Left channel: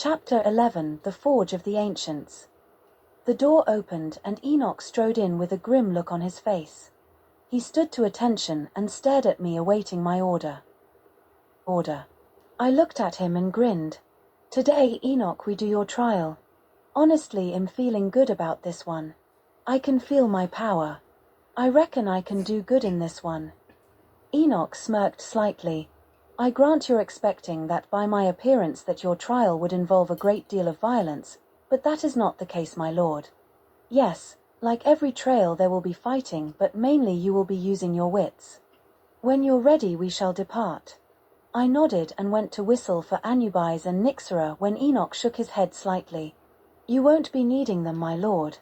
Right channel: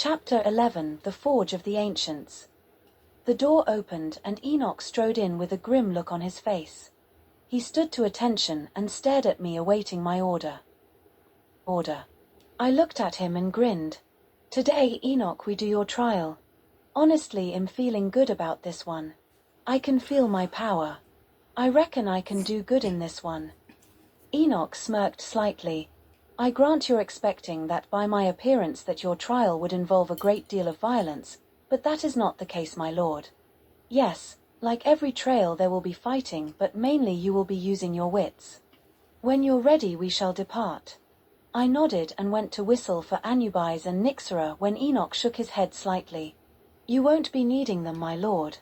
Chapter 11: The Forge of the Ancients. The door opened and Enoch strode in with a grim look on his face. He stood to attention and stared at me, awaiting my order. I looked at him and grinned. Today, Enoch, we do your trial. Honestly, I'm feeling good about this one. I can feel my power. I reckon I can do good in this one. Enoch smirked slightly. I grant you're expecting that by my appearance that your trial would involve a great deal of violence, but that is not the case, my lord. Yes, like every trial there will be fighting, but mainly you will be using your wits. When you're ready we shall depart. I nodded and went to whistle for Anubis and Nyxera when Enoch shook his head slightly. You won't be needing them, my lord.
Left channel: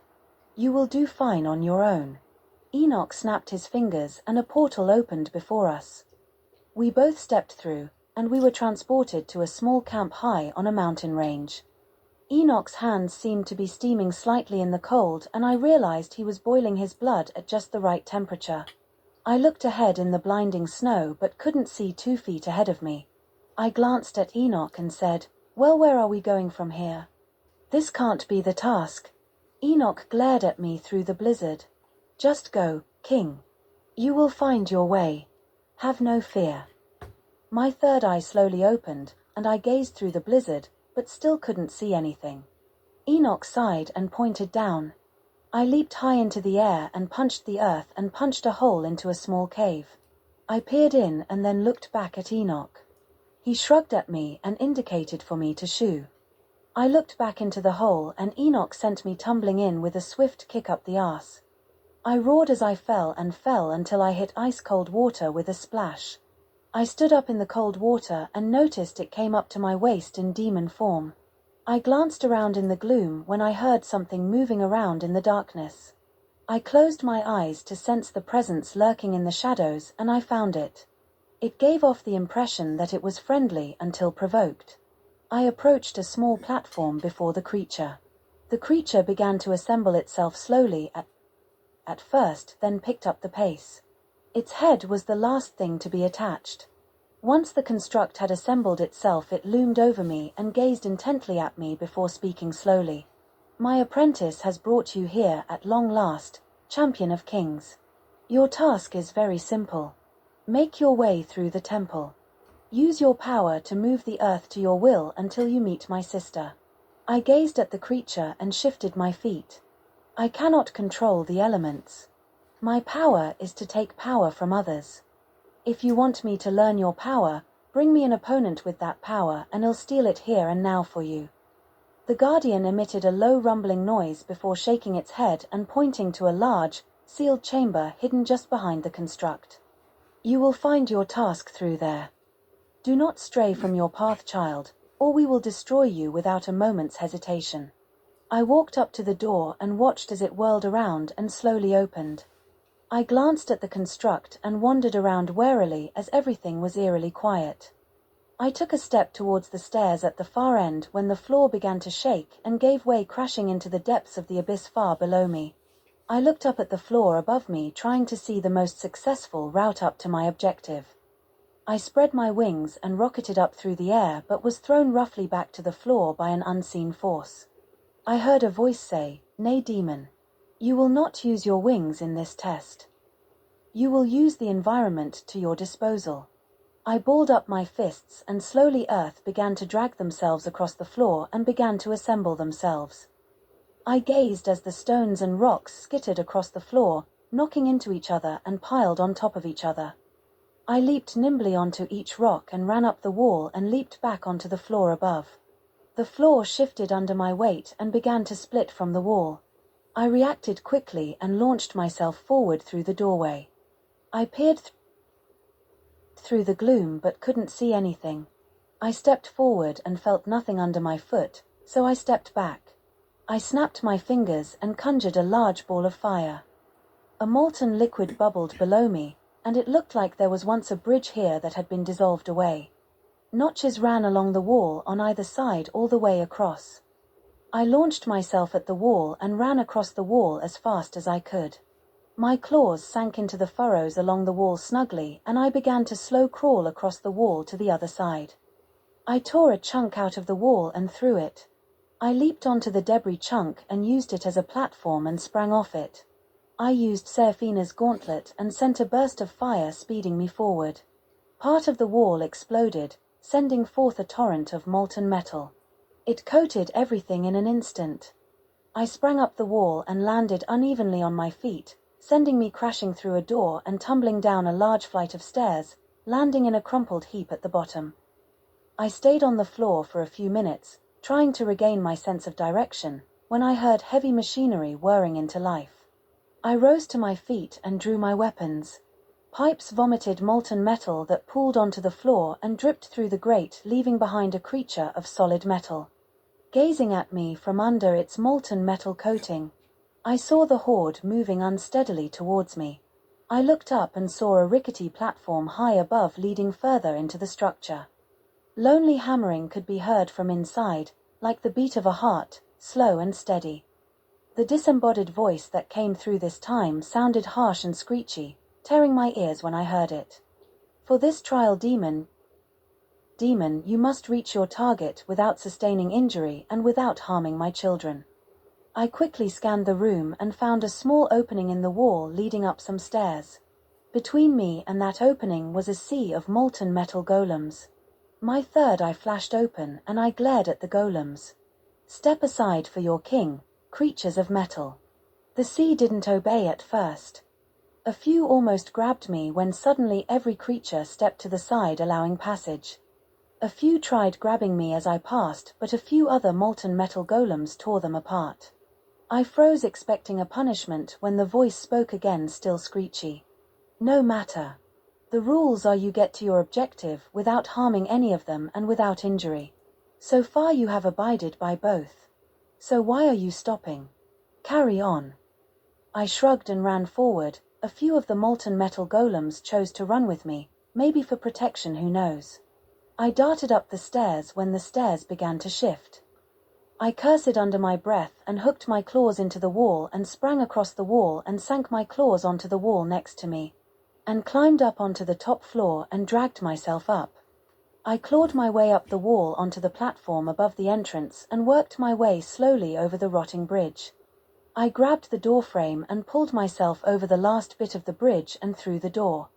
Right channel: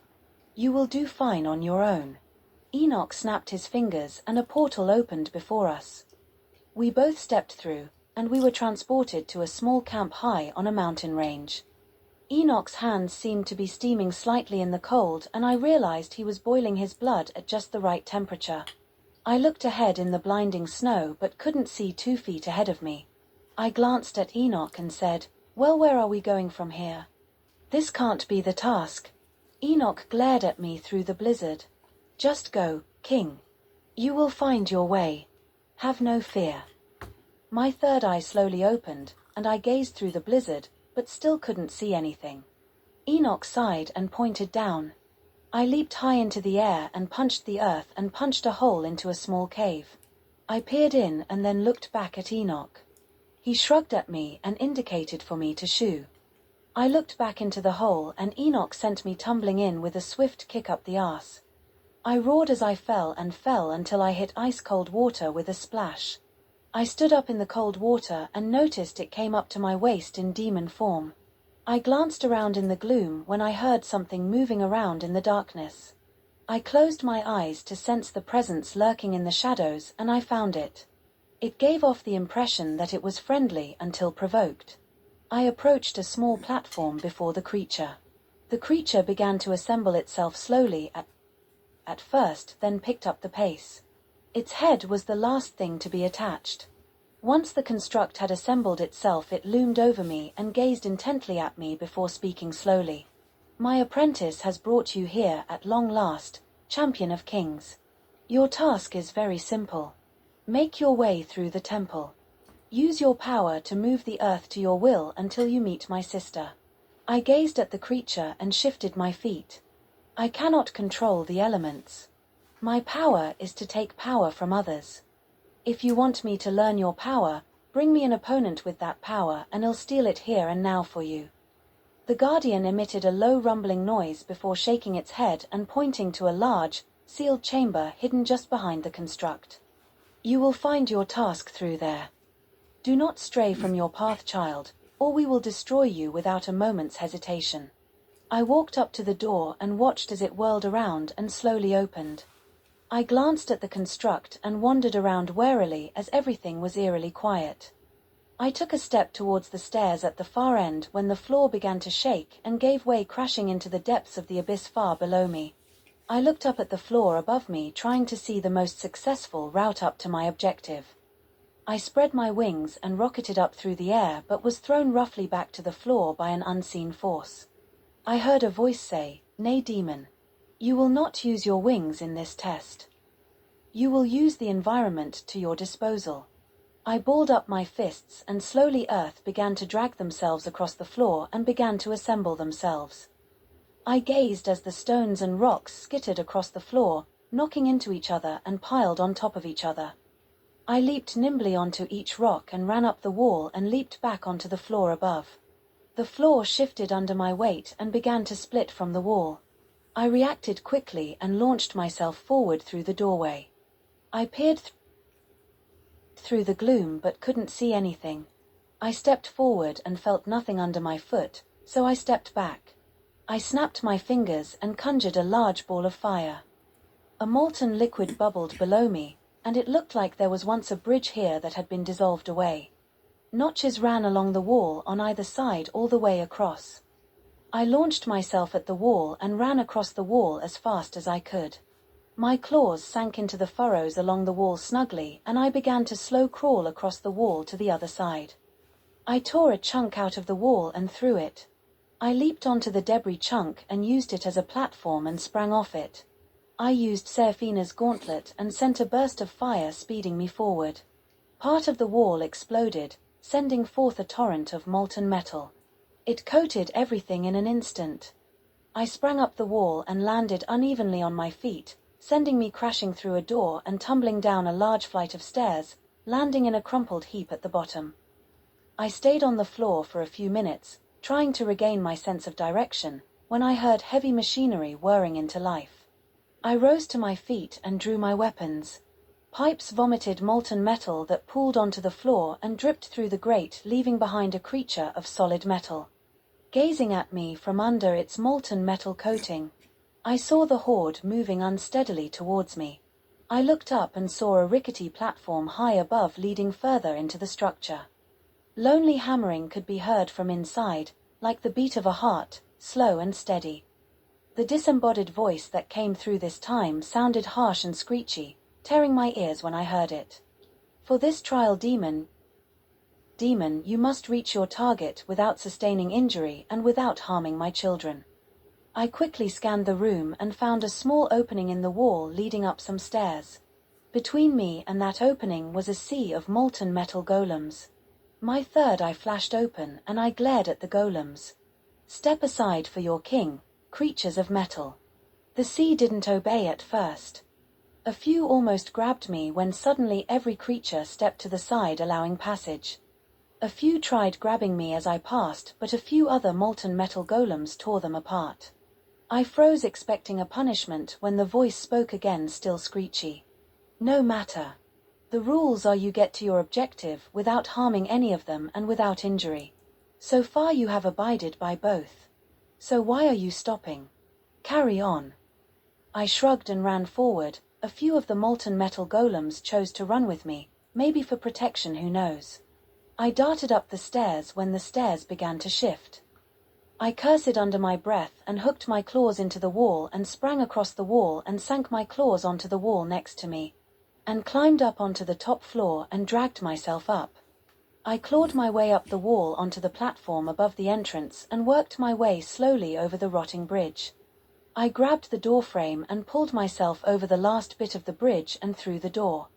You will do fine on your own. Enoch snapped his fingers and a portal opened before us. We both stepped through, and we were transported to a small camp high on a mountain range. Enoch's hands seemed to be steaming slightly in the cold, and I realized he was boiling his blood at just the right temperature. I looked ahead in the blinding snow but couldn't see 2 feet ahead of me. I glanced at Enoch and said, "Well, where are we going from here? This can't be the task." Enoch glared at me through the blizzard. "Just go, King. You will find your way. Have no fear." My third eye slowly opened, and I gazed through the blizzard, but still couldn't see anything. Enoch sighed and pointed down. I leaped high into the air and punched the earth and punched a hole into a small cave. I peered in and then looked back at Enoch. He shrugged at me and indicated for me to shoo. I looked back into the hole and Enoch sent me tumbling in with a swift kick up the arse. I roared as I fell and fell until I hit ice-cold water with a splash. I stood up in the cold water and noticed it came up to my waist in demon form. I glanced around in the gloom when I heard something moving around in the darkness. I closed my eyes to sense the presence lurking in the shadows, and I found it. It gave off the impression that it was friendly until provoked. I approached a small platform before the creature. The creature began to assemble itself slowly at first, then picked up the pace. Its head was the last thing to be attached. Once the construct had assembled itself, it loomed over me and gazed intently at me before speaking slowly. "My apprentice has brought you here at long last, champion of kings. Your task is very simple. Make your way through the temple. Use your power to move the earth to your will until you meet my sister." I gazed at the creature and shifted my feet. I cannot control the elements. My power is to take power from others. If you want me to learn your power, bring me an opponent with that power and I'll steal it here and now for you. The guardian emitted a low rumbling noise before shaking its head and pointing to a large, sealed chamber hidden just behind the construct. "You will find your task through there. Do not stray from your path, child, or we will destroy you without a moment's hesitation." I walked up to the door and watched as it whirled around and slowly opened. I glanced at the construct and wandered around warily as everything was eerily quiet. I took a step towards the stairs at the far end when the floor began to shake and gave way, crashing into the depths of the abyss far below me. I looked up at the floor above me, trying to see the most successful route up to my objective. I spread my wings and rocketed up through the air, but was thrown roughly back to the floor by an unseen force. I heard a voice say, "Nay, demon. You will not use your wings in this test. You will use the environment to your disposal." I balled up my fists and slowly earth began to drag themselves across the floor and began to assemble themselves. I gazed as the stones and rocks skittered across the floor, knocking into each other and piled on top of each other. I leaped nimbly onto each rock and ran up the wall and leaped back onto the floor above. The floor shifted under my weight and began to split from the wall. I reacted quickly and launched myself forward through the doorway. I peered through the gloom but couldn't see anything. I stepped forward and felt nothing under my foot, so I stepped back. I snapped my fingers and conjured a large ball of fire. A molten liquid bubbled below me, and it looked like there was once a bridge here that had been dissolved away. Notches ran along the wall on either side all the way across. I launched myself at the wall and ran across the wall as fast as I could. My claws sank into the furrows along the wall snugly, and I began to slow crawl across the wall to the other side. I tore a chunk out of the wall and threw it. I leaped onto the debris chunk and used it as a platform and sprang off it. I used Seraphina's gauntlet and sent a burst of fire speeding me forward. Part of the wall exploded, sending forth a torrent of molten metal. It coated everything in an instant. I sprang up the wall and landed unevenly on my feet, sending me crashing through a door and tumbling down a large flight of stairs, landing in a crumpled heap at the bottom. I stayed on the floor for a few minutes, trying to regain my sense of direction, when I heard heavy machinery whirring into life. I rose to my feet and drew my weapons. Pipes vomited molten metal that pooled onto the floor and dripped through the grate, leaving behind a creature of solid metal. Gazing at me from under its molten metal coating, I saw the horde moving unsteadily towards me. I looked up and saw a rickety platform high above leading further into the structure. Lonely hammering could be heard from inside, like the beat of a heart, slow and steady. The disembodied voice that came through this time sounded harsh and screechy, tearing my ears when I heard it. For this trial, demon, you must reach your target without sustaining injury and without harming my children. I quickly scanned the room and found a small opening in the wall leading up some stairs. Between me and that opening was a sea of molten metal golems. My third eye flashed open and I glared at the golems. Step aside for your king, creatures of metal. The sea didn't obey at first. A few almost grabbed me when suddenly every creature stepped to the side, allowing passage. A few tried grabbing me as I passed, but a few other molten metal golems tore them apart. I froze, expecting a punishment, when the voice spoke again, still screechy. No matter. The rules are you get to your objective without harming any of them and without injury. So far you have abided by both. So why are you stopping? Carry on. I shrugged and ran forward. A few of the molten metal golems chose to run with me, maybe for protection, who knows. I darted up the stairs when the stairs began to shift. I cursed under my breath and hooked my claws into the wall and sprang across the wall and sank my claws onto the wall next to me, and climbed up onto the top floor and dragged myself up. I clawed my way up the wall onto the platform above the entrance and worked my way slowly over the rotting bridge. I grabbed the door frame and pulled myself over the last bit of the bridge and through the door.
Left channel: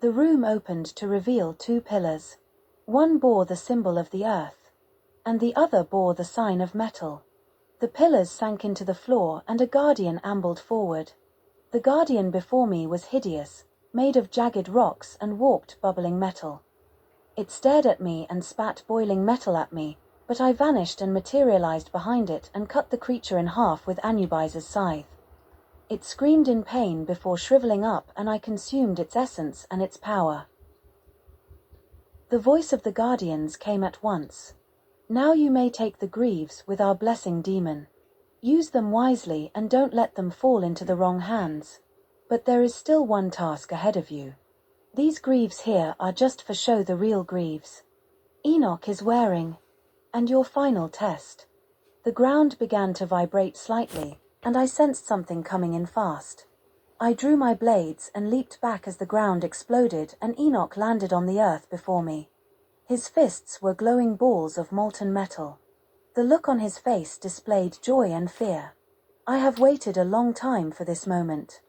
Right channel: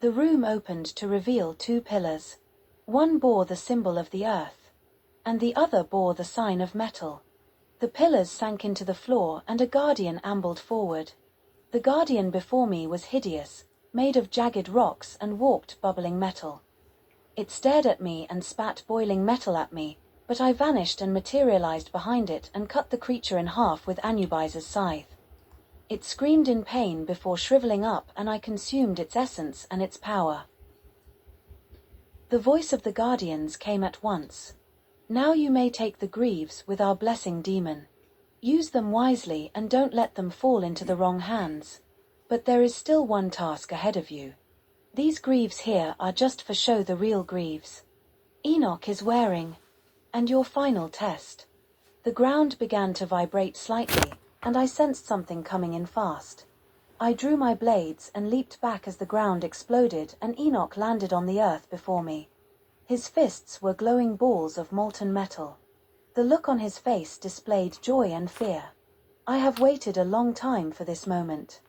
The room opened to reveal two pillars. One bore the symbol of the earth, and the other bore the sign of metal. The pillars sank into the floor and a guardian ambled forward. The guardian before me was hideous, made of jagged rocks and warped, bubbling metal. It stared at me and spat boiling metal at me, but I vanished and materialized behind it and cut the creature in half with Anubis's scythe. It screamed in pain before shriveling up, and I consumed its essence and its power. The voice of the guardians came at once. Now you may take the greaves with our blessing, demon. Use them wisely and don't let them fall into the wrong hands. But there is still one task ahead of you. These greaves here are just for show, the real greaves Enoch is wearing. And your final test. The ground began to vibrate slightly, and I sensed something coming in fast. I drew my blades and leaped back as the ground exploded and Enoch landed on the earth before me. His fists were glowing balls of molten metal. The look on his face displayed joy and fear. I have waited a long time for this moment.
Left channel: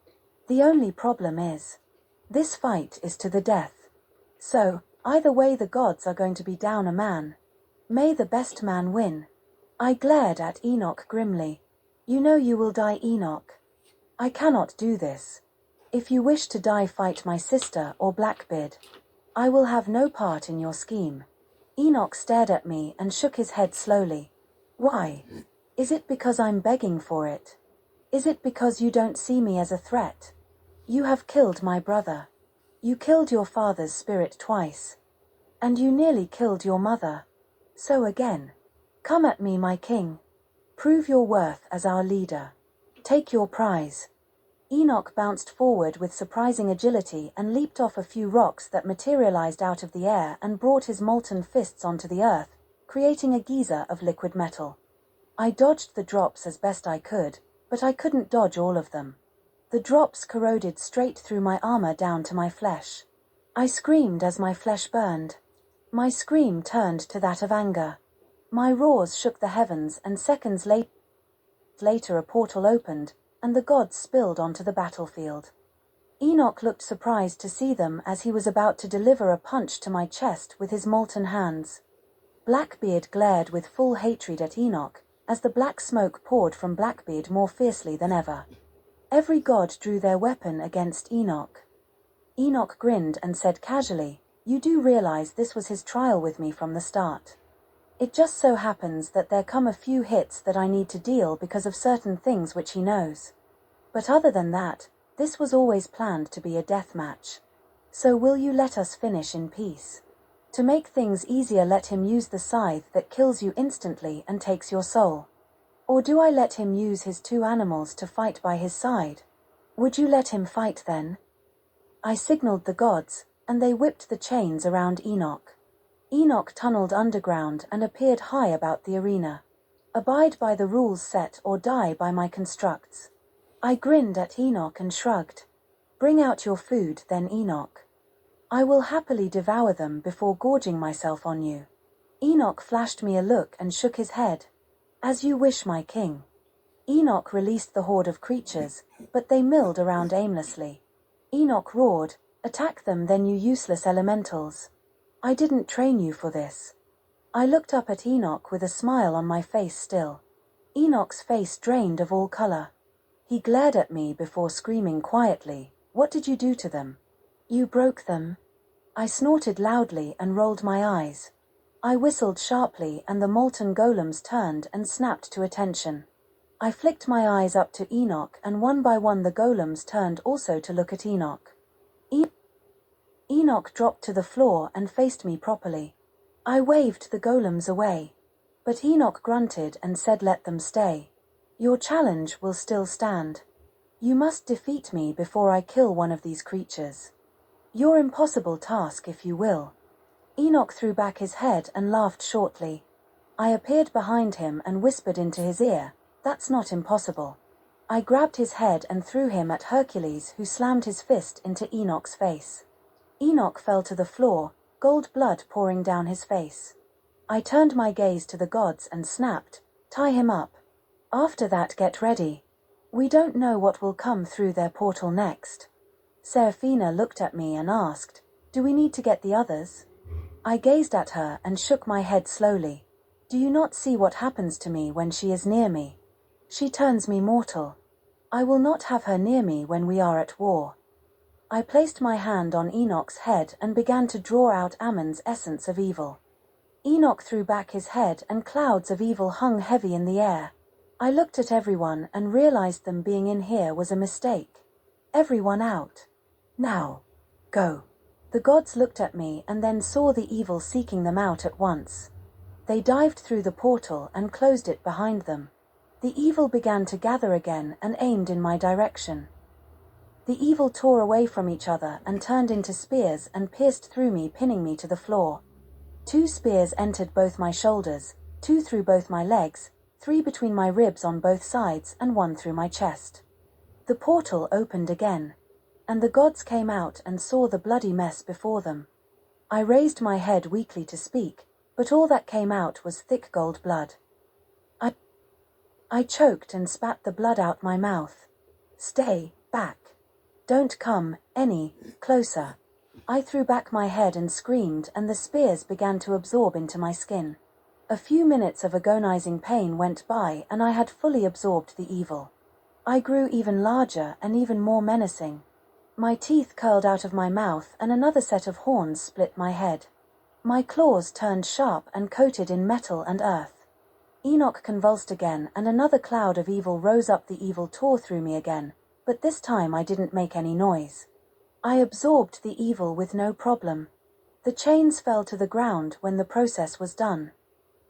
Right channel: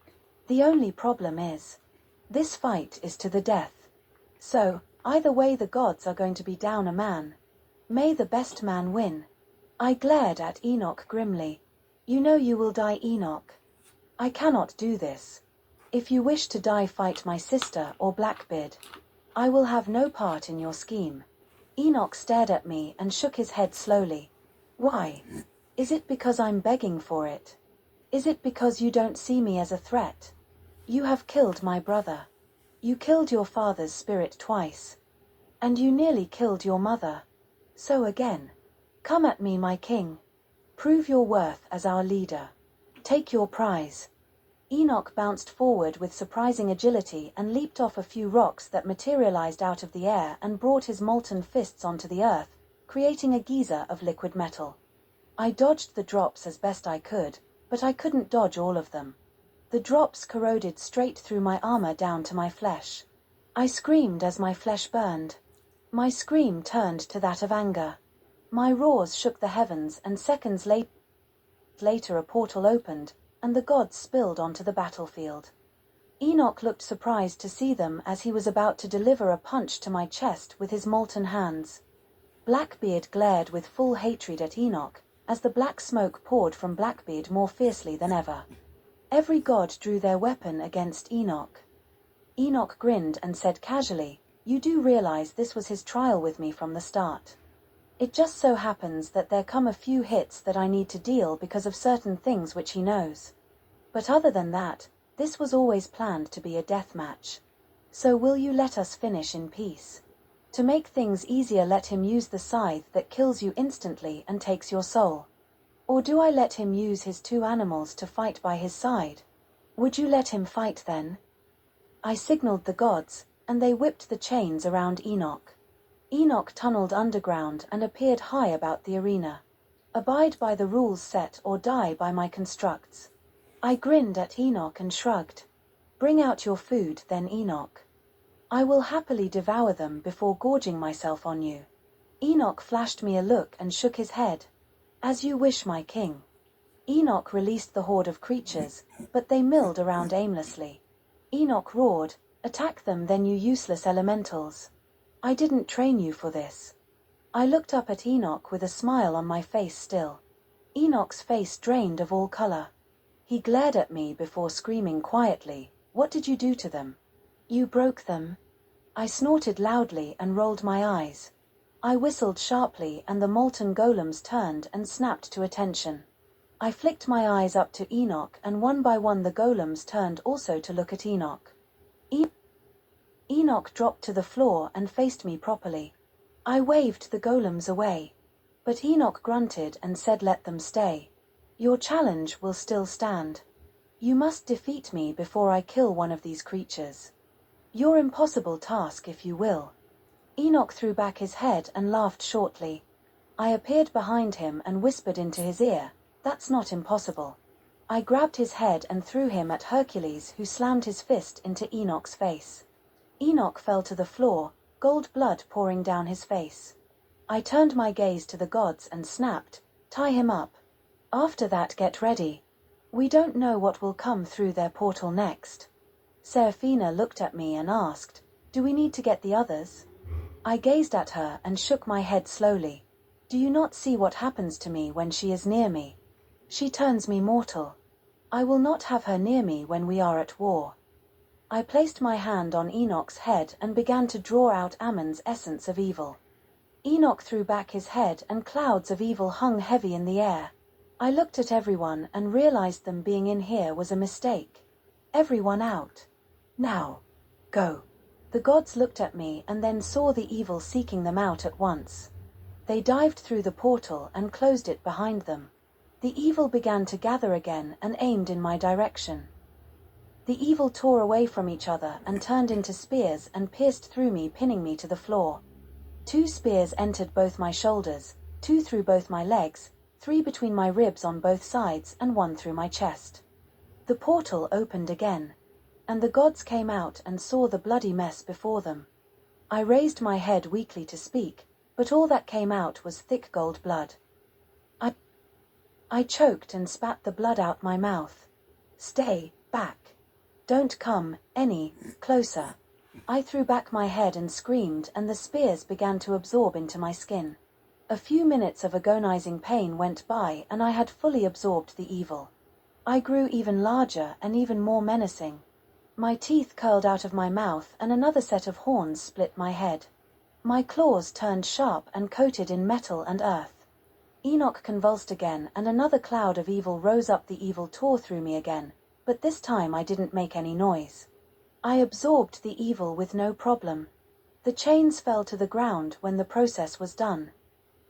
The only problem is, this fight is to the death. So, either way the gods are going to be down a man. May the best man win. I glared at Enoch grimly. You know you will die, Enoch. I cannot do this. If you wish to die, fight my sister or Blackbeard. I will have no part in your scheme. Enoch stared at me and shook his head slowly. Why? Is it because I'm begging for it? Is it because you don't see me as a threat? You have killed my brother. You killed your father's spirit twice. And you nearly killed your mother. So again. Come at me, my king. Prove your worth as our leader. Take your prize. Enoch bounced forward with surprising agility and leaped off a few rocks that materialized out of the air and brought his molten fists onto the earth, creating a geyser of liquid metal. I dodged the drops as best I could, but I couldn't dodge all of them. The drops corroded straight through my armor down to my flesh. I screamed as my flesh burned. My scream turned to that of anger. My roars shook the heavens, and seconds later a portal opened, and the gods spilled onto the battlefield. Enoch looked surprised to see them as he was about to deliver a punch to my chest with his molten hands. Blackbeard glared with full hatred at Enoch, as the black smoke poured from Blackbeard more fiercely than ever. Every god drew their weapon against Enoch. Enoch grinned and said casually, "You do realize this was his trial with me from the start. It just so happens that there come a few hits that I need to deal because of certain things which he knows. But other than that, this was always planned to be a death match. So will you let us finish in peace? To make things easier, let him use the scythe that kills you instantly and takes your soul. Or do I let him use his 2 animals to fight by his side? Would you let him fight then?" I signaled the gods, and they whipped the chains around Enoch. Enoch tunneled underground and appeared high about the arena. "Abide by the rules set or die by my constructs." I grinned at Enoch and shrugged. "Bring out your food then, Enoch. I will happily devour them before gorging myself on you." Enoch flashed me a look and shook his head. "As you wish, my king." Enoch released the horde of creatures, but they milled around aimlessly. Enoch roared, "Attack them then, you useless elementals. I didn't train you for this." I looked up at Enoch with a smile on my face still. Enoch's face drained of all color. He glared at me before screaming quietly, "What did you do to them?" "You broke them." I snorted loudly and rolled my eyes. I whistled sharply and the molten golems turned and snapped to attention. I flicked my eyes up to Enoch and one by one the golems turned also to look at Enoch. Enoch dropped to the floor and faced me properly. I waved the golems away. But Enoch grunted and said, "Let them stay. Your challenge will still stand. You must defeat me before I kill one of these creatures. Your impossible task, if you will." Enoch threw back his head and laughed shortly. I appeared behind him and whispered into his ear, "That's not impossible." I grabbed his head and threw him at Hercules, who slammed his fist into Enoch's face. Enoch fell to the floor, gold blood pouring down his face. I turned my gaze to the gods and snapped, "Tie him up. After that, get ready. We don't know what will come through their portal next." Seraphina looked at me and asked, "Do we need to get the others?" I gazed at her and shook my head slowly. "Do you not see what happens to me when she is near me? She turns me mortal. I will not have her near me when we are at war." I placed my hand on Enoch's head and began to draw out Ammon's essence of evil. Enoch threw back his head and clouds of evil hung heavy in the air. I looked at everyone and realized them being in here was a mistake. "Everyone out. Now. Go." The gods looked at me and then saw the evil seeking them out at once. They dived through the portal and closed it behind them. The evil began to gather again and aimed in my direction. The evil tore away from each other and turned into spears and pierced through me, pinning me to the floor. 2 spears entered both my shoulders, 2 through both my legs, 3 between my ribs on both sides, and 1 through my chest. The portal opened again, and the gods came out and saw the bloody mess before them. I raised my head weakly to speak, but all that came out was thick gold blood. I choked and spat the blood out my mouth. "Stay back. Don't come any closer." I threw back my head and screamed, and the spears began to absorb into my skin. A few minutes of agonizing pain went by and I had fully absorbed the evil. I grew even larger and even more menacing. My teeth curled out of my mouth and another set of horns split my head. My claws turned sharp and coated in metal and earth. Enoch convulsed again and another cloud of evil rose up. The evil tore through me again, but this time I didn't make any noise. I absorbed the evil with no problem. The chains fell to the ground when the process was done.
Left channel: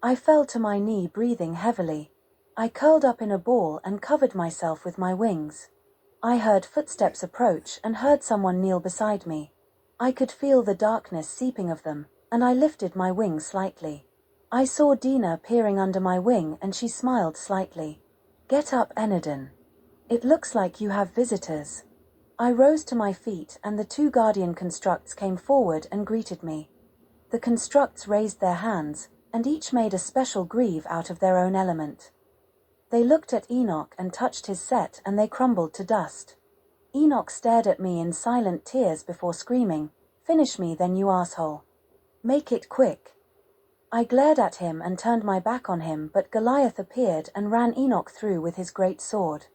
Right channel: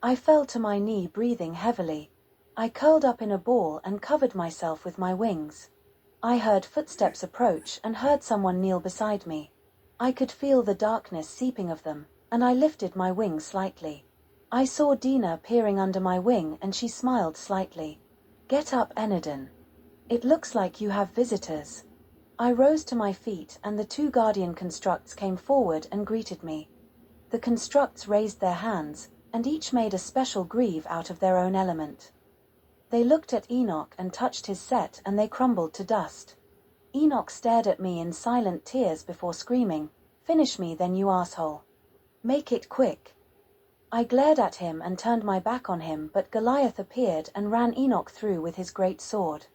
I fell to my knee, breathing heavily. I curled up in a ball and covered myself with my wings. I heard footsteps approach and heard someone kneel beside me. I could feel the darkness seeping of them, and I lifted my wing slightly. I saw Dina peering under my wing and she smiled slightly. "Get up, Enadin. It looks like you have visitors." I rose to my feet and the 2 guardian constructs came forward and greeted me. The constructs raised their hands, and each made a special greave out of their own element. They looked at Enoch and touched his set, and they crumbled to dust. Enoch stared at me in silent tears before screaming, "Finish me then, you asshole. Make it quick." I glared at him and turned my back on him, but Goliath appeared and ran Enoch through with his great sword,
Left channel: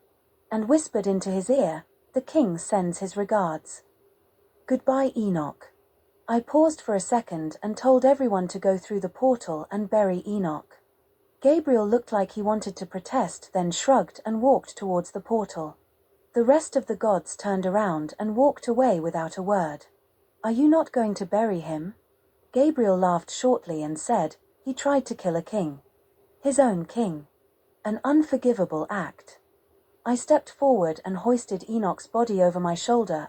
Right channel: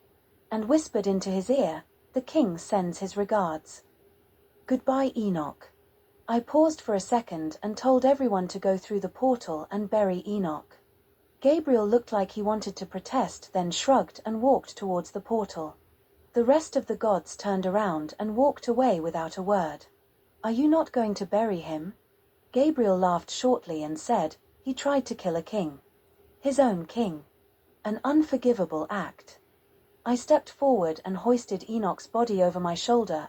and whispered into his ear, "The king sends his regards. Goodbye, Enoch." I paused for a second and told everyone to go through the portal and bury Enoch. Gabriel looked like he wanted to protest, then shrugged and walked towards the portal. The rest of the gods turned around and walked away without a word. "Are you not going to bury him?" Gabriel laughed shortly and said, "He tried to kill a king. His own king. An unforgivable act." I stepped forward and hoisted Enoch's body over my shoulder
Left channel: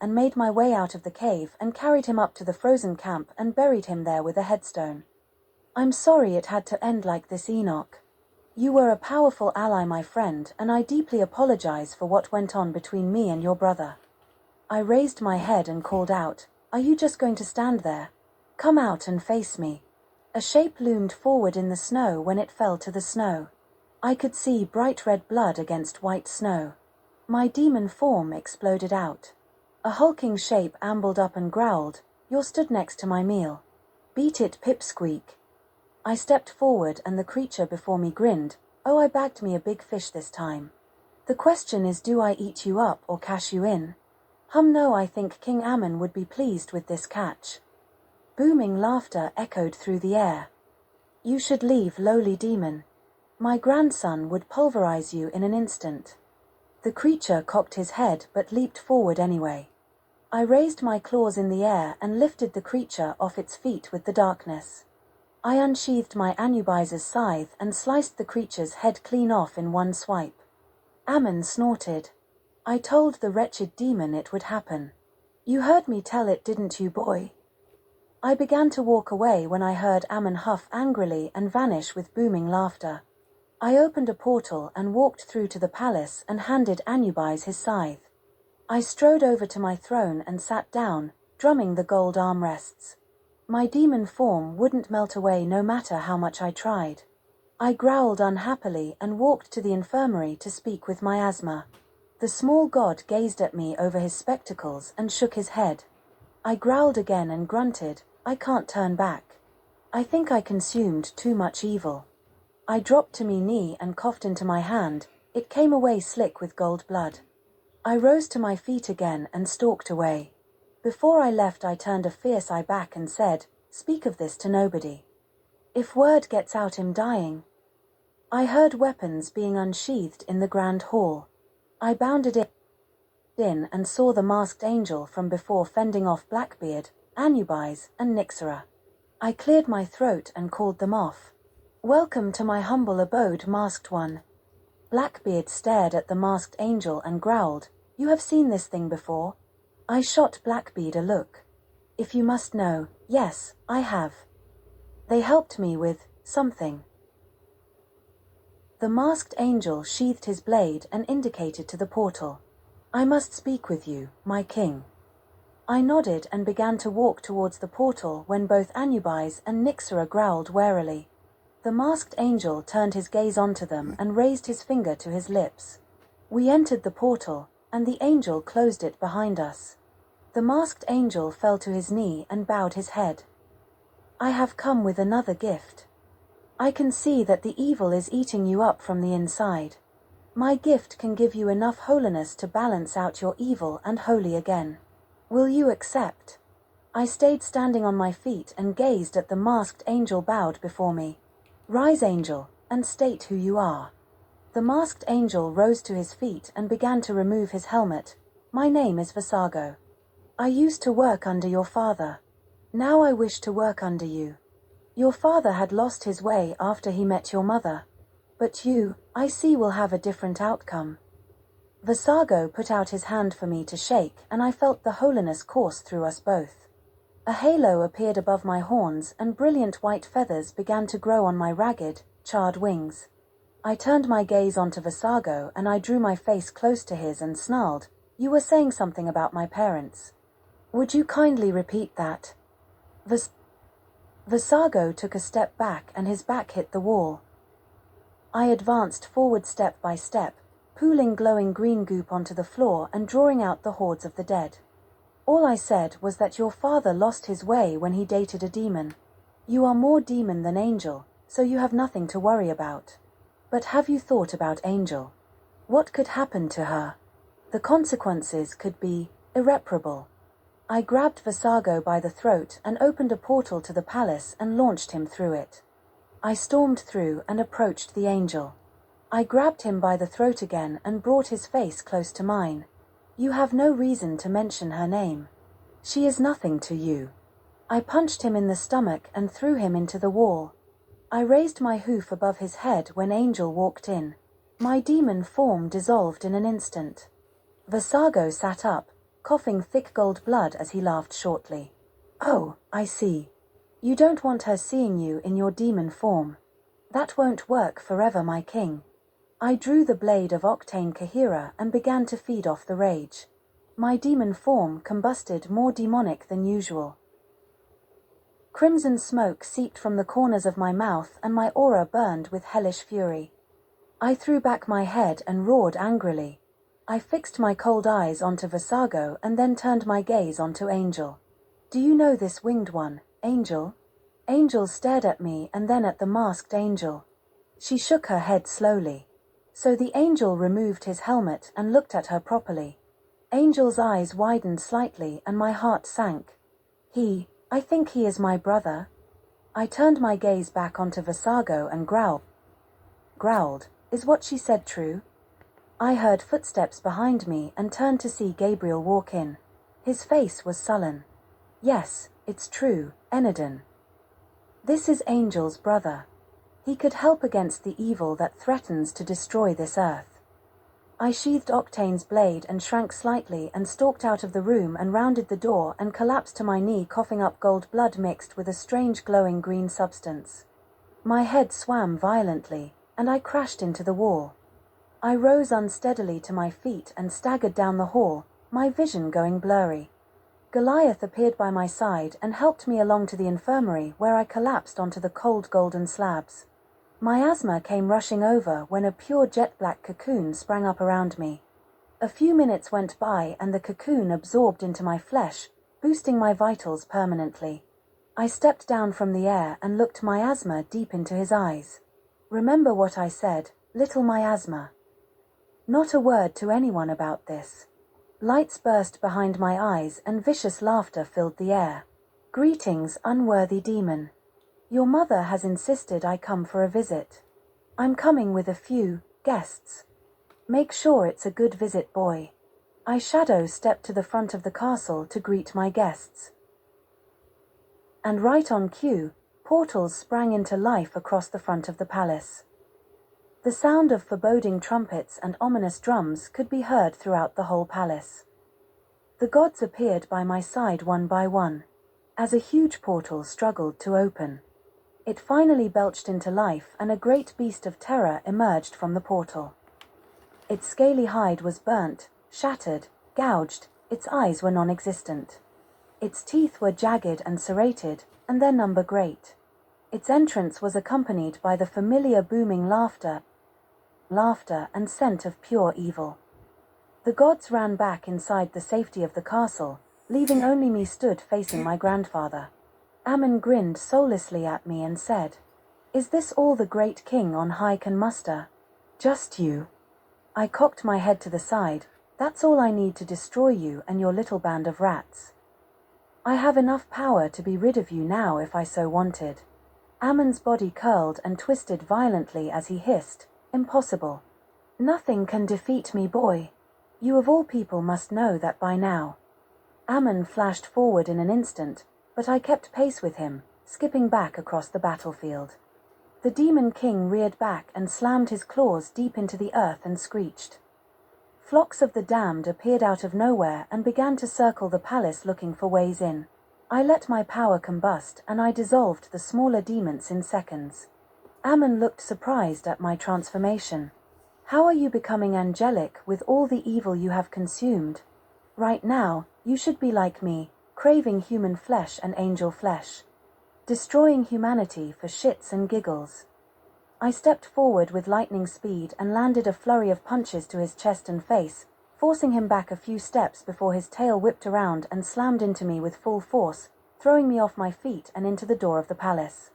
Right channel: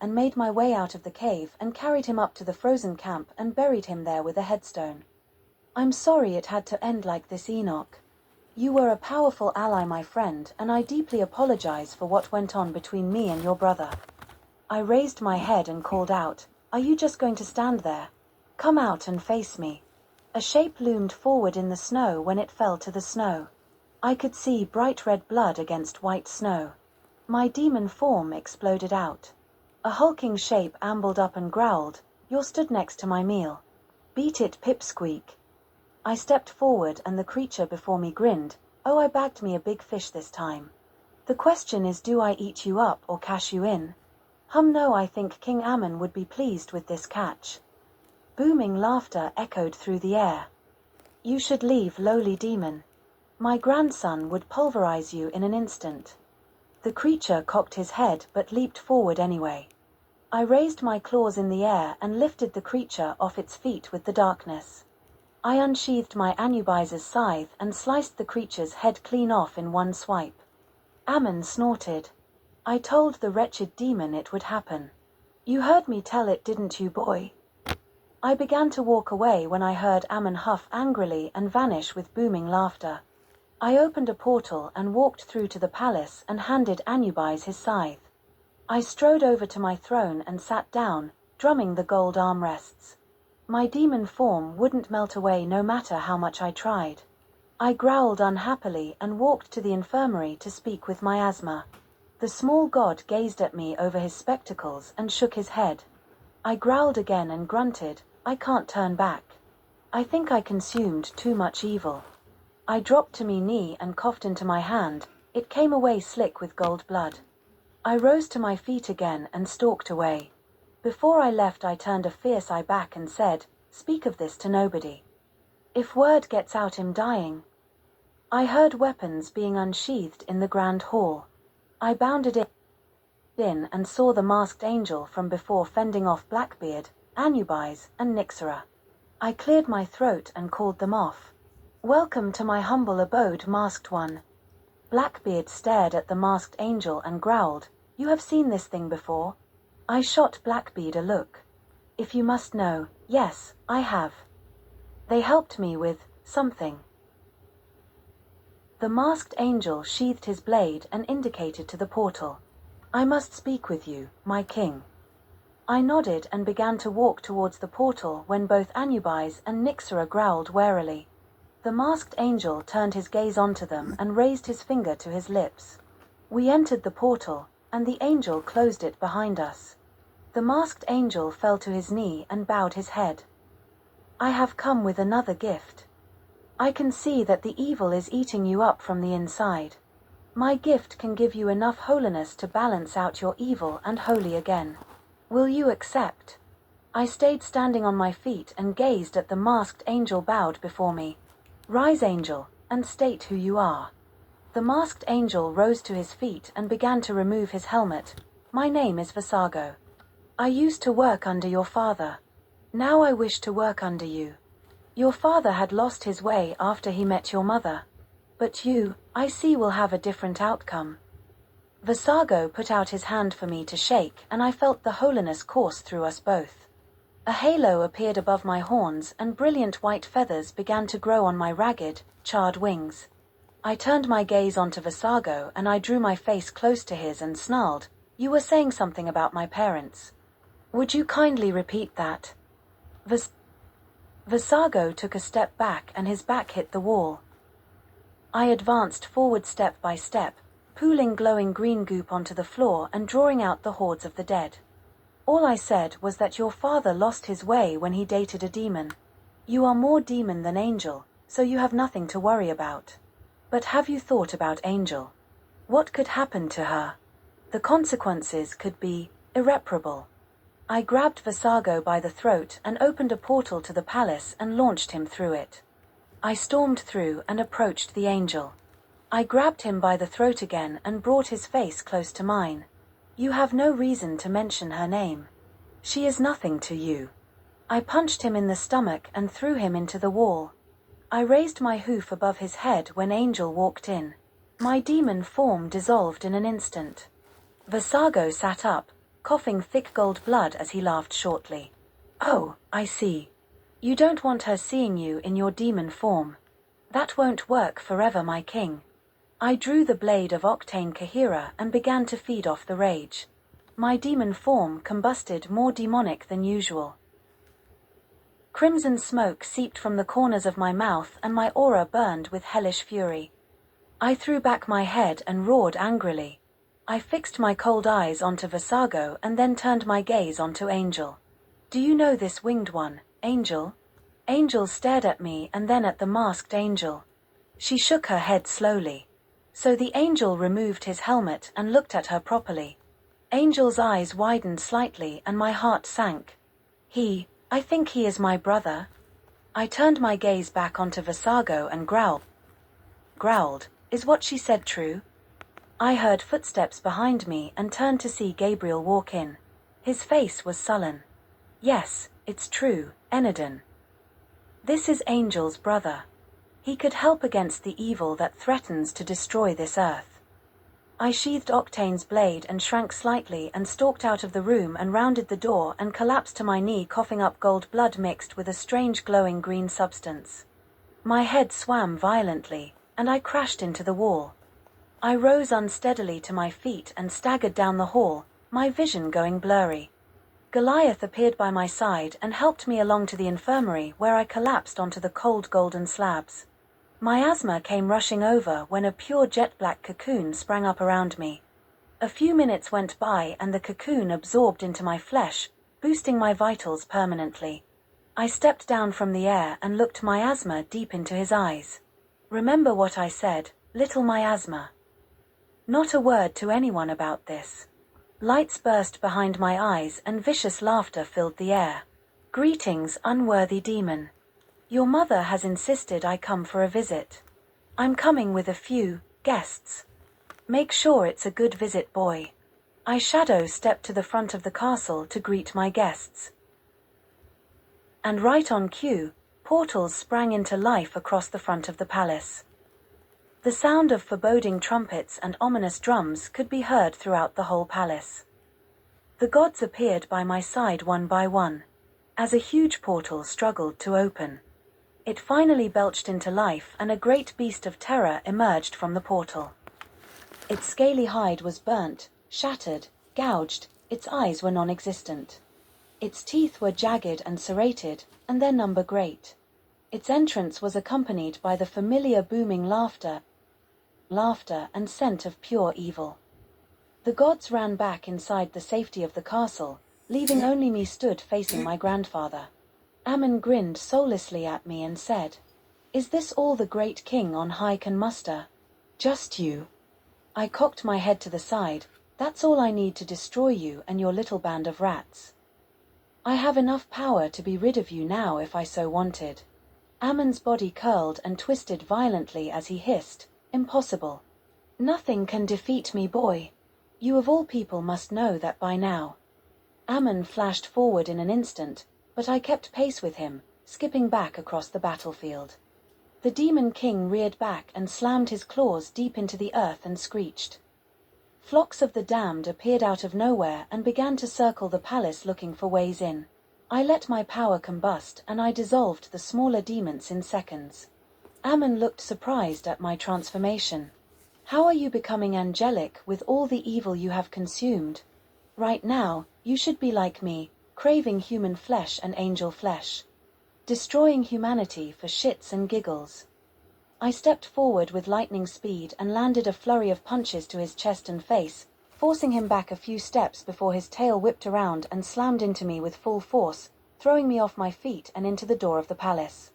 and made my way out of the cave and carried him up to the frozen camp and buried him there with a headstone. "I'm sorry it had to end like this, Enoch. You were a powerful ally, my friend, and I deeply apologize for what went on between me and your brother." I raised my head and called out, "Are you just going to stand there? Come out and face me." A shape loomed forward in the snow when it fell to the snow. I could see bright red blood against white snow. My demon form exploded out. A hulking shape ambled up and growled, "You're stood next to my meal. Beat it, pipsqueak." I stepped forward and the creature before me grinned, "Oh, I bagged me a big fish this time. The question is, do I eat you up or cash you in? No, I think King Ammon would be pleased with this catch." Booming laughter echoed through the air. "You should leave, lowly demon. My grandson would pulverize you in an instant." The creature cocked his head but leaped forward anyway. I raised my claws in the air and lifted the creature off its feet with the darkness. I unsheathed my Anubis's scythe and sliced the creature's head clean off in one swipe. Ammon snorted. "I told the wretched demon it would happen. You heard me tell it, didn't you, boy?" I began to walk away when I heard Ammon huff angrily and vanish with booming laughter. I opened a portal and walked through to the palace and handed Anubis his scythe. I strode over to my throne and sat down, drumming the gold armrests. My demon form wouldn't melt away no matter how much I tried. I growled unhappily and walked to the infirmary to speak with Miasma. The small god gazed at me over his spectacles and shook his head. I growled again and grunted, "I can't turn back. I think I consumed too much evil." I dropped to me knee and coughed into my hand. It came away slick with gold blood. I rose to my feet again and stalked away. Before I left, I turned a fierce eye back and said, "Speak of this to nobody. If word gets out I'm dying." I heard weapons being unsheathed in the grand hall. I bounded in and saw the masked angel from before fending off Blackbeard, Anubis, and Nyxera. I cleared my throat and called them off. "Welcome to my humble abode, masked one." Blackbeard stared at the masked angel and growled, "You have seen this thing before?" I shot Blackbeard a look. "If you must know, yes, I have. They helped me with something." The masked angel sheathed his blade and indicated to the portal. "I must speak with you, my king." I nodded and began to walk towards the portal when both Anubis and Nyxera growled warily. The masked angel turned his gaze onto them and raised his finger to his lips. We entered the portal, and the angel closed it behind us. The masked angel fell to his knee and bowed his head. "I have come with another gift. I can see that the evil is eating you up from the inside. My gift can give you enough holiness to balance out your evil and holy again. Will you accept?" I stayed standing on my feet and gazed at the masked angel bowed before me. "Rise, angel, and state who you are." The masked angel rose to his feet and began to remove his helmet. "My name is Vasago. I used to work under your father. Now I wish to work under you. Your father had lost his way after he met your mother. But you, I see, will have a different outcome." Vasago put out his hand for me to shake, and I felt the holiness course through us both. A halo appeared above my horns, and brilliant white feathers began to grow on my ragged, charred wings. I turned my gaze onto Vasago, and I drew my face close to his and snarled, "You were saying something about my parents. Would you kindly repeat that?" Vis- Visago took a step back and his back hit the wall. I advanced forward step by step, pooling glowing green goop onto the floor and drawing out the hordes of the dead. All I said was that your father lost his way when he dated a demon. You are more demon than angel, so you have nothing to worry about. But have you thought about Angel? What could happen to her? The consequences could be irreparable. I grabbed Visago by the throat and opened a portal to the palace and launched him through it. I stormed through and approached the angel. I grabbed him by the throat again and brought his face close to mine. You have no reason to mention her name. She is nothing to you. I punched him in the stomach and threw him into the wall. I raised my hoof above his head when Angel walked in. My demon form dissolved in an instant. Visago sat up, coughing thick gold blood as he laughed shortly. Oh, I see. You don't want her seeing you in your demon form. That won't work forever, my king. I drew the blade of Octane Kahira and began to feed off the rage. My demon form combusted more demonic than usual. Crimson smoke seeped from the corners of my mouth and my aura burned with hellish fury. I threw back my head and roared angrily. I fixed my cold eyes onto Visago and then turned my gaze onto Angel. Do you know this winged one, Angel? Angel stared at me and then at the masked angel. She shook her head slowly. So the angel removed his helmet and looked at her properly. Angel's eyes widened slightly and my heart sank. I think he is my brother. I turned my gaze back onto Visago and growled, is what she said true? I heard footsteps behind me and turned to see Gabriel walk in. His face was sullen. Yes, it's true, Enadin. This is Angel's brother. He could help against the evil that threatens to destroy this earth. I sheathed Octane's blade and shrank slightly and stalked out of the room and rounded the door and collapsed to my knee, coughing up gold blood mixed with a strange glowing green substance. My head swam violently, and I crashed into the wall. I rose unsteadily to my feet and staggered down the hall, my vision going blurry. Goliath appeared by my side and helped me along to the infirmary where I collapsed onto the cold golden slabs. Miasma came rushing over when a pure jet-black cocoon sprang up around me. A few minutes went by and the cocoon absorbed into my flesh, boosting my vitals permanently. I stepped down from the air and looked Miasma deep into his eyes. Remember what I said, little Miasma. Not a word to anyone about this. Lights burst behind my eyes and vicious laughter filled the air. Greetings, unworthy demon. Your mother has insisted I come for a visit. I'm coming with a few guests. Make sure it's a good visit, boy. I shadow stepped to the front of the castle to greet my guests. And right on cue, portals sprang into life across the front of the palace. The sound of foreboding trumpets and ominous drums could be heard throughout the whole palace. The gods appeared by my side one by one, as a huge portal struggled to open. It finally belched into life and a great beast of terror emerged from the portal. Its scaly hide was burnt, shattered, gouged, its eyes were non-existent. Its teeth were jagged and serrated, and their number great. Its entrance was accompanied by the familiar booming laughter and scent of pure evil. The gods ran back inside the safety of the castle, leaving only me stood facing my grandfather. Ammon grinned soullessly at me and said, "Is this all the great king on high can muster? Just you?" I cocked my head to the side. That's all I need to destroy you and your little band of rats. I have enough power to be rid of you now if I so wanted. Ammon's body curled and twisted violently as he hissed, "Impossible. Nothing can defeat me, boy. You of all people must know that by now." Ammon flashed forward in an instant, but I kept pace with him, skipping back across the battlefield. The Demon King reared back and slammed his claws deep into the earth and screeched. Flocks of the damned appeared out of nowhere and began to circle the palace looking for ways in. I let my power combust and I dissolved the smaller demons in seconds. Ammon looked surprised at my transformation. "How are you becoming angelic with all the evil you have consumed? Right now, you should be like me, craving human flesh and angel flesh, destroying humanity for shits and giggles. I stepped forward with lightning speed and landed a flurry of punches to his chest and face, forcing him back a few steps before his tail whipped around and slammed into me with full force, throwing me off my feet and into the door of the palace.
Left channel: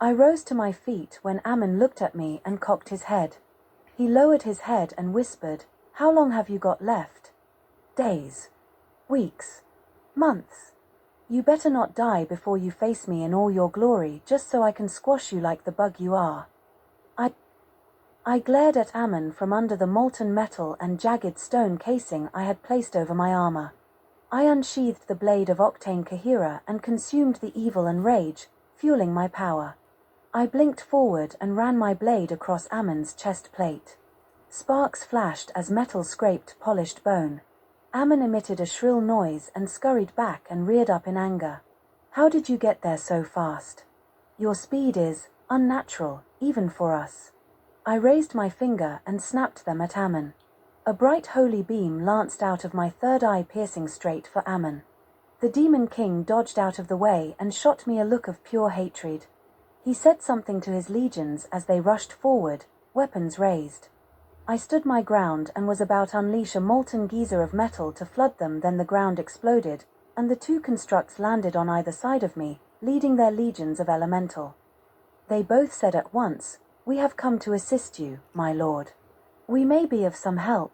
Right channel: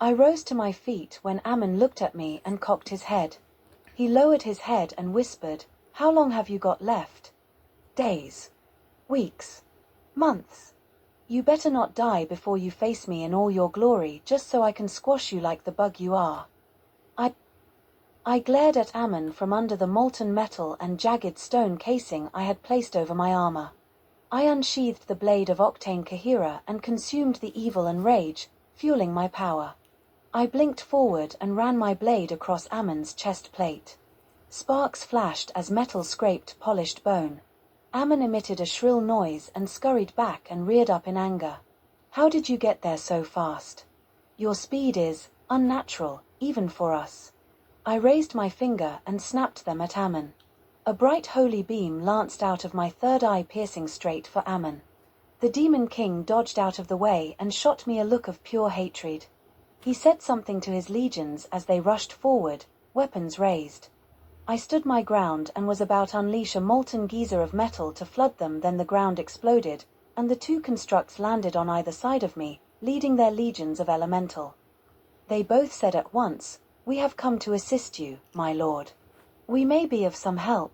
I rose to my feet when Ammon looked at me and cocked his head. He lowered his head and whispered, "How long have you got left?" "Days. Weeks. Months. You better not die before you face me in all your glory, just so I can squash you like the bug you are." I glared at Ammon from under the molten metal and jagged stone casing I had placed over my armor. I unsheathed the blade of Octane Kahira and consumed the evil and rage, fueling my power. I blinked forward and ran my blade across Ammon's chest plate. Sparks flashed as metal scraped polished bone. Ammon emitted a shrill noise and scurried back and reared up in anger. "How did you get there so fast? Your speed is unnatural, even for us." I raised my finger and snapped them at Ammon. A bright holy beam lanced out of my third eye, piercing straight for Ammon. The Demon King dodged out of the way and shot me a look of pure hatred. He said something to his legions as they rushed forward, weapons raised. I stood my ground and was about to unleash a molten geyser of metal to flood them, then the ground exploded, and the two constructs landed on either side of me, leading their legions of elemental. They both said at once, "We have come to assist you, my lord. We may be of some help."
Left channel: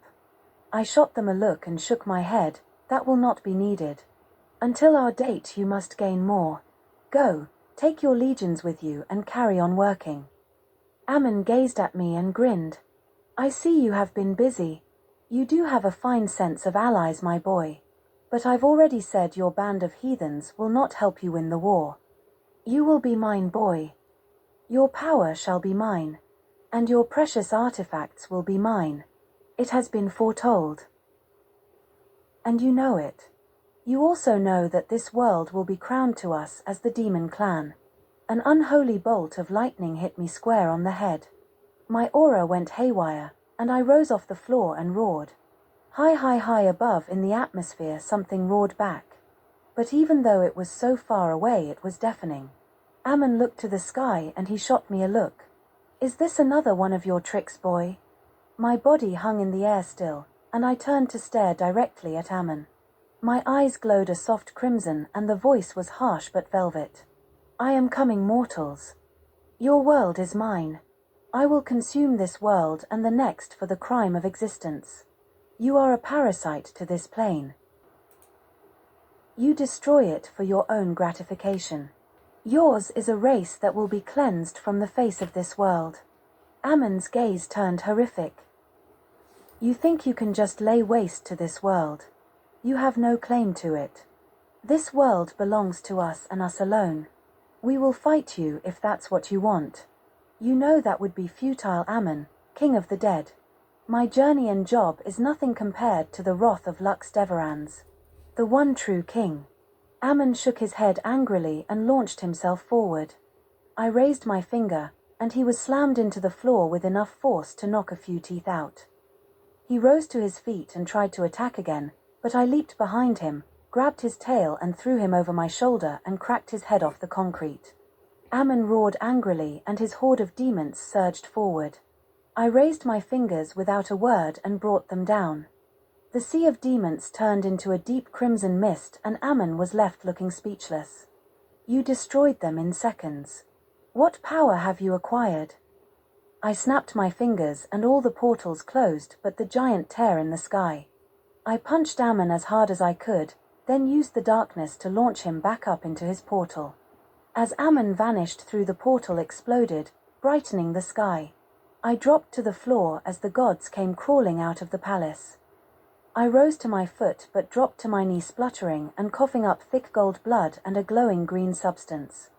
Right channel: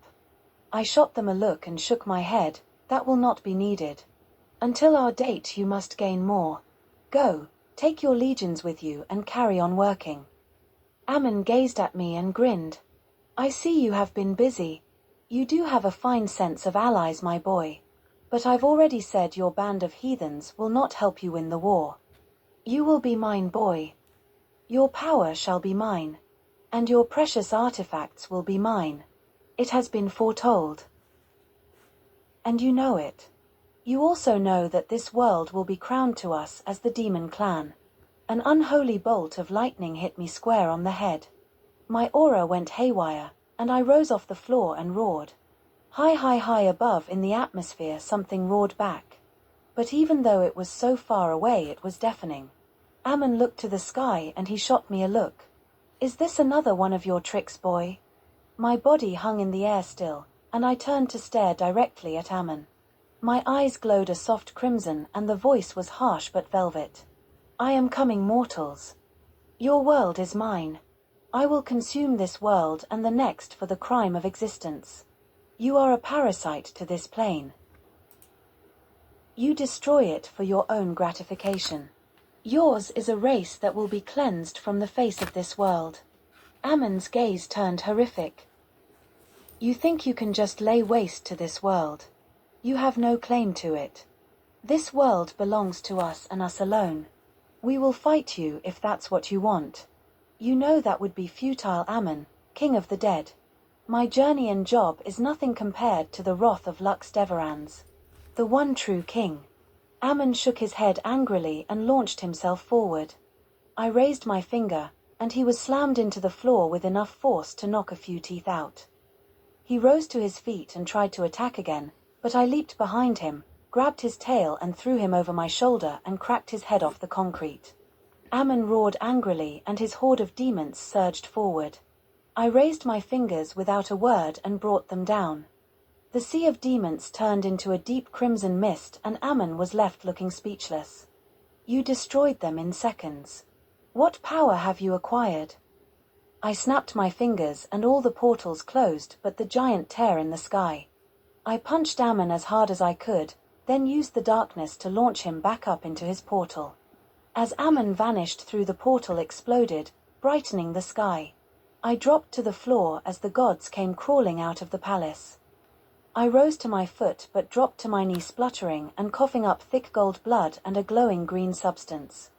I shot them a look and shook my head. "That will not be needed. Until our date you must gain more. Go, take your legions with you and carry on working." Ammon gazed at me and grinned. "I see you have been busy. You do have a fine sense of allies, my boy. But I've already said your band of heathens will not help you win the war. You will be mine, boy. Your power shall be mine. And your precious artifacts will be mine. It has been foretold. And you know it. You also know that this world will be crowned to us as the Demon Clan." An unholy bolt of lightning hit me square on the head. My aura went haywire, and I rose off the floor and roared. High above in the atmosphere something roared back. But even though it was so far away, it was deafening. Ammon looked to the sky and he shot me a look. "Is this another one of your tricks, boy?" My body hung in the air still, and I turned to stare directly at Ammon. My eyes glowed a soft crimson and the voice was harsh but velvet. "I am coming, mortals. Your world is mine. I will consume this world and the next for the crime of existence. You are a parasite to this plane. You destroy it for your own gratification. Yours is a race that will be cleansed from the face of this world." Ammon's gaze turned horrific. "You think you can just lay waste to this world? You have no claim to it. This world belongs to us and us alone. We will fight you if that's what you want. You know that would be futile, Ammon, king of the dead. My journey and job is nothing compared to the wrath of Lux Deverans, the one true king." Ammon shook his head angrily and launched himself forward. I raised my finger, and he was slammed into the floor with enough force to knock a few teeth out. He rose to his feet and tried to attack again, but I leaped behind him, grabbed his tail and threw him over my shoulder and cracked his head off the concrete. Ammon roared angrily and his horde of demons surged forward. I raised my fingers without a word and brought them down. The sea of demons turned into a deep crimson mist and Ammon was left looking speechless. "You destroyed them in seconds. What power have you acquired?" I snapped my fingers and all the portals closed but the giant tear in the sky. I punched Ammon as hard as I could, then used the darkness to launch him back up into his portal. As Ammon vanished through the portal exploded, brightening the sky. I dropped to the floor as the gods came crawling out of the palace. I rose to my foot but dropped to my knee spluttering and coughing up thick gold blood and a glowing green substance.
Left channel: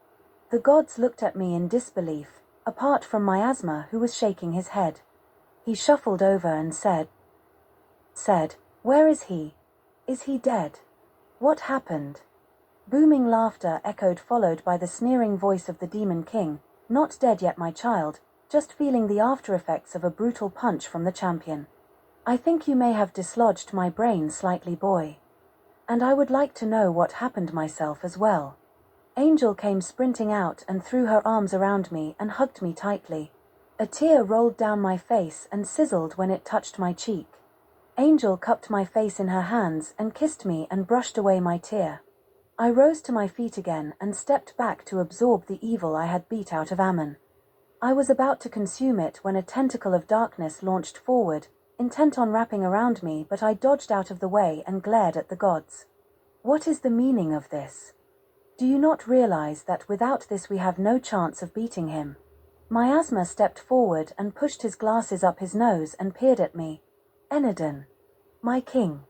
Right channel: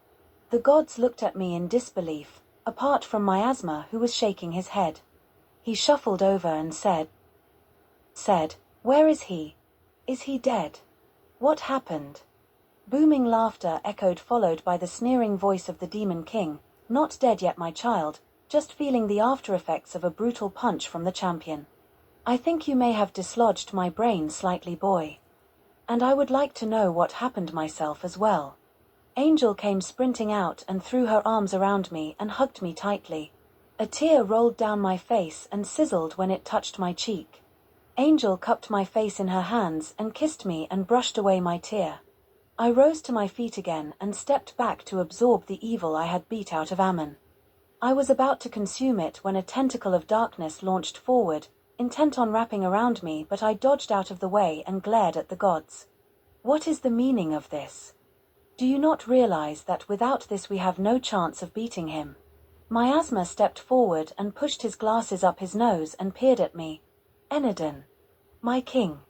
The gods looked at me in disbelief, apart from Miasma who was shaking his head. He shuffled over and said, "Where is he? Is he dead? What happened?" Booming laughter echoed followed by the sneering voice of the Demon King, "Not dead yet, my child, just feeling the after effects of a brutal punch from the champion. I think you may have dislodged my brain slightly, boy." And I would like to know what happened myself as well. Angel came sprinting out and threw her arms around me and hugged me tightly. A tear rolled down my face and sizzled when it touched my cheek. Angel cupped my face in her hands and kissed me and brushed away my tear. I rose to my feet again and stepped back to absorb the evil I had beat out of Ammon. I was about to consume it when a tentacle of darkness launched forward, intent on wrapping around me, but I dodged out of the way and glared at the gods. What is the meaning of this? Do you not realize that without this we have no chance of beating him? Miasma stepped forward and pushed his glasses up his nose and peered at me. Enadin, my king,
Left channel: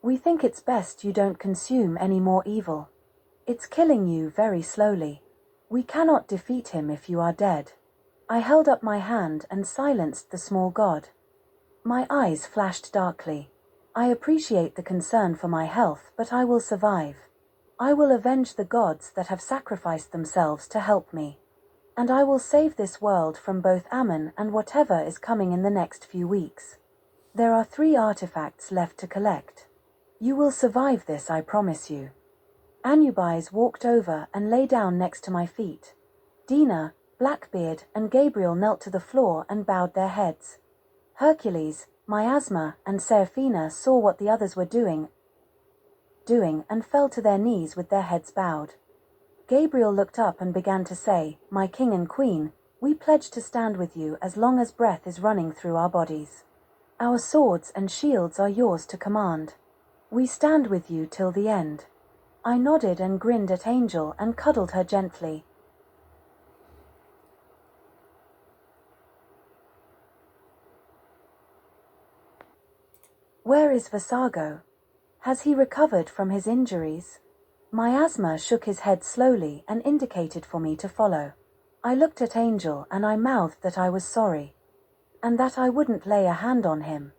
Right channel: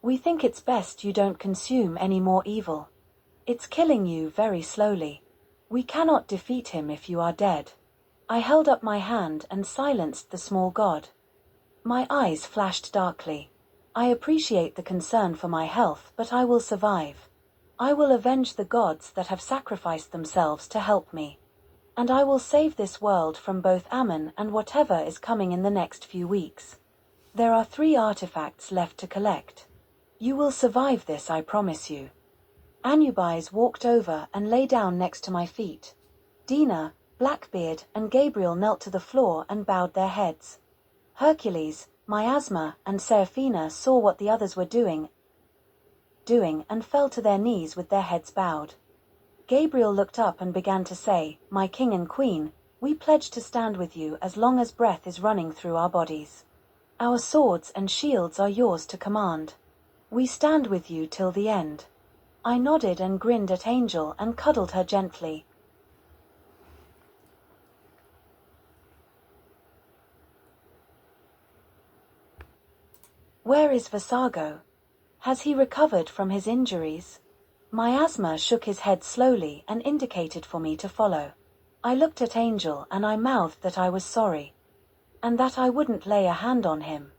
we think it's best you don't consume any more evil. It's killing you very slowly. We cannot defeat him if you are dead. I held up my hand and silenced the small god. My eyes flashed darkly. I appreciate the concern for my health, but I will survive. I will avenge the gods that have sacrificed themselves to help me. And I will save this world from both Ammon and whatever is coming in the next few weeks. There are 3 artifacts left to collect. You will survive this, I promise you. Anubis walked over and lay down next to my feet. Dina, Blackbeard, and Gabriel knelt to the floor and bowed their heads. Hercules, Miasma, and Seraphina saw what the others were doing and fell to their knees with their heads bowed. Gabriel looked up and began to say, "My king and queen, we pledge to stand with you as long as breath is running through our bodies. Our swords and shields are yours to command. We stand with you till the end." I nodded and grinned at Angel and cuddled her gently. Where is Vasago? Has he recovered from his injuries? Miasma shook his head slowly and indicated for me to follow. I looked at Angel and I mouthed that I was sorry, and that I wouldn't lay a hand on him.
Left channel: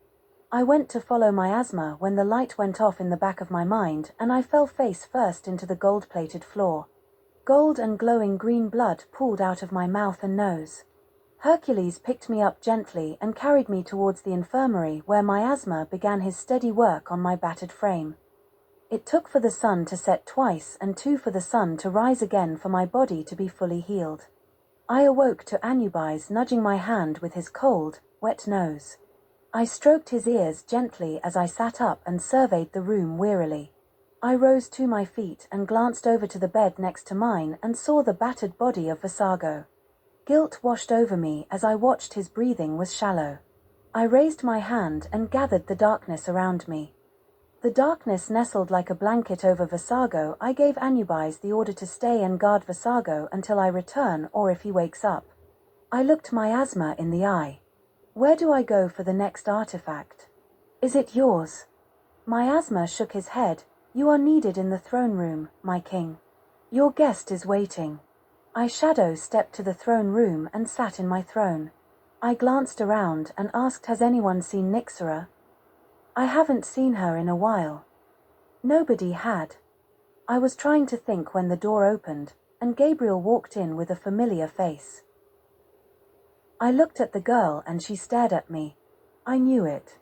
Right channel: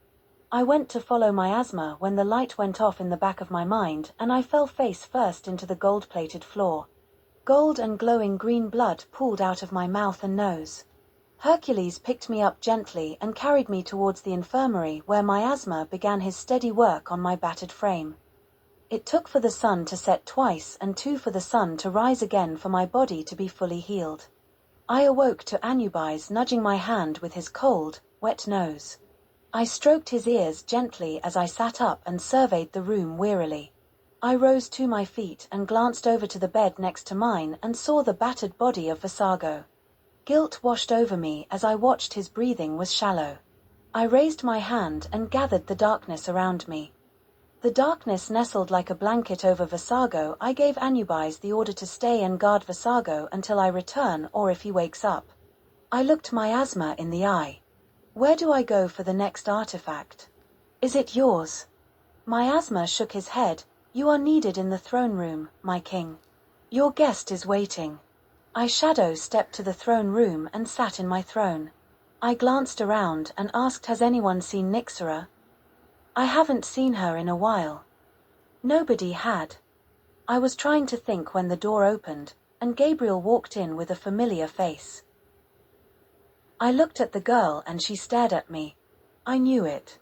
I went to follow Miasma when the light went off in the back of my mind and I fell face first into the gold-plated floor. Gold and glowing green blood pooled out of my mouth and nose. Hercules picked me up gently and carried me towards the infirmary where Miasma began his steady work on my battered frame. It took for the sun to set twice and 2 for the sun to rise again for my body to be fully healed. I awoke to Anubis nudging my hand with his cold, wet nose. I stroked his ears gently as I sat up and surveyed the room wearily. I rose to my feet and glanced over to the bed next to mine and saw the battered body of Vasago. Guilt washed over me as I watched his breathing was shallow. I raised my hand and gathered the darkness around me. The darkness nestled like a blanket over Vasago. I gave Anubis the order to stay and guard Vasago until I return or if he wakes up. I looked Miasma in the eye. Where do I go for the next artifact? Is it yours? Miasma shook his head. You are needed in the throne room, my king. Your guest is waiting. I shadow stepped to the throne room and sat in my throne. I glanced around and asked, has anyone seen Nyxera? I haven't seen her in a while. Nobody had. I was trying to think when the door opened, and Gabriel walked in with a familiar face. I looked at the girl and she stared at me. I knew it.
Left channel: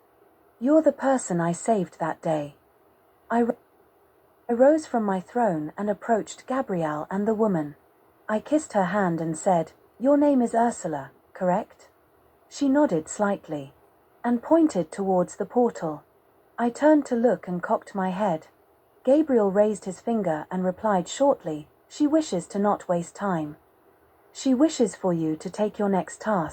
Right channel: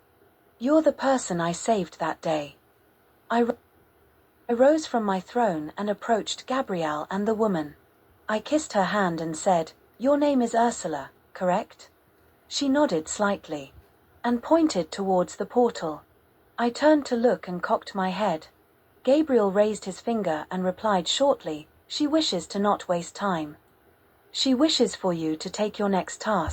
You're the person I saved that day. I rose from my throne and approached Gabrielle and the woman. I kissed her hand and said, "Your name is Ursula, correct?" She nodded slightly and pointed towards the portal. I turned to look and cocked my head. Gabriel raised his finger and replied shortly, "She wishes to not waste time. She wishes for you to take your next task."